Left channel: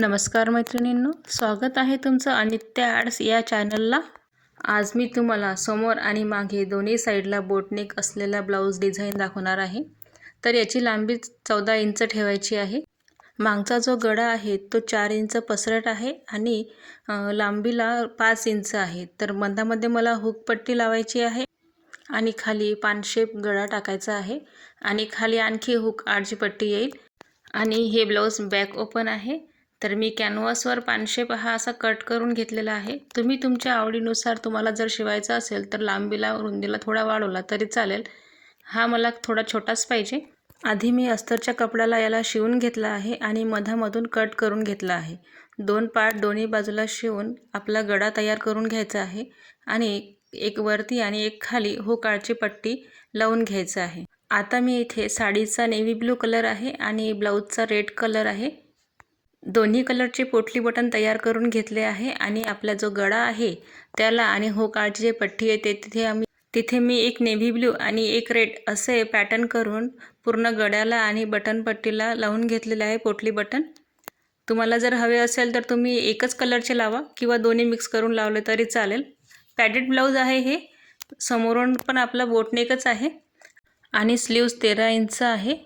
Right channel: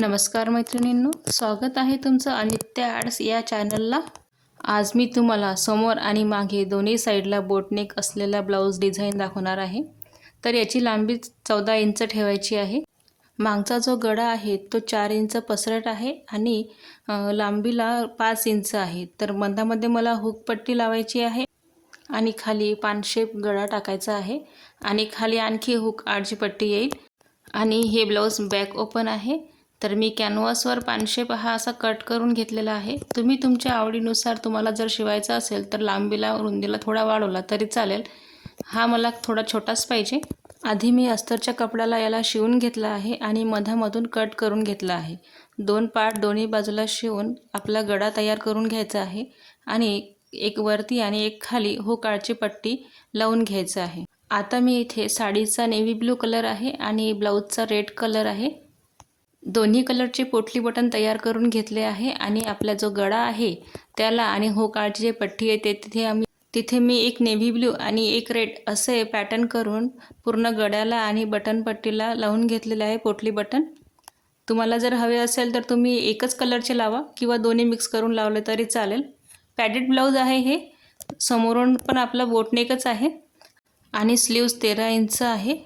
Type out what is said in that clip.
नमस्कार मैत्रिणींनो, स्वागत आहे तुमचं अनित्य आर्ट्स या चॅनलला। आज मी तुम्हाला समोर आणि मागे दोन्ही साईडला बोटनेक असलेला ब्लाऊज डिझाईन दाखवणार आहे। तर याची लांबी 14 इंच ठेवायची आहे। मागचा जो गळा आहे तो 4 इंच पसरट आहे आणि लांबीला 5 इंच आहे। तर मध्यामध्ये मला हुक पट्टी लावायची आहे आणि खाली पान शेप गळा टाकायचा आहे आणि खाली आणखी हुक आडची पट्टी येईल। आणि हे ब्लाऊज बॅक ओपन आहे। तर मी कॅनव्हासवर पानशेप हा असा कट करून घेतलेला आहे। तुम्ही तुमच्या आवडीनुसार तुम्हाला जर शिवायचा असेल तर लांबीला रुंदीला थोडा वाढवला तरी चालेल। हा मला थोडा छोटाच पाहिजे। आधी मी अस्तरच्या कपड्याला याला शिवून घेतला आहे आणि मधामधून कट करून घेतला आहे। 2 पार्ट दोन्ही बाजूला शिवून आपला गळा तयार करून घ्यायचा आहे आणि एक वरती आणि एक खाली हुक आडची पट्टी लावून घ्यायचं आहे। आता मी इथे साडीचा नेव्ही ब्लू कलर आहे आणि ब्लाऊजचा रेड कलर आहे। दोन्ही कलरचे पोटली बटन तयार करून घेतले आहे आणि आपला जो गळा आहे त्याला आणि हुक आडची जी पट्टी आहे तिथे मी एक नेव्ही ब्लू आणि एक रेड असे पॅटर्न करून पूर्ण गळ्याला आणि बटन पट्टीला लावून घेतलेले आहे पोटली बटन। तुम्हाला जर हवे असेल तर तुम्ही एकच कलरचे लावा किंवा दोन्ही मिक्स करून लावले तरी चालेल। पॅडेड ब्लाऊज आहे हे। समोरून पण आपला बोटनेकच आहे आणि स्लीव्स 13 इंच आहे।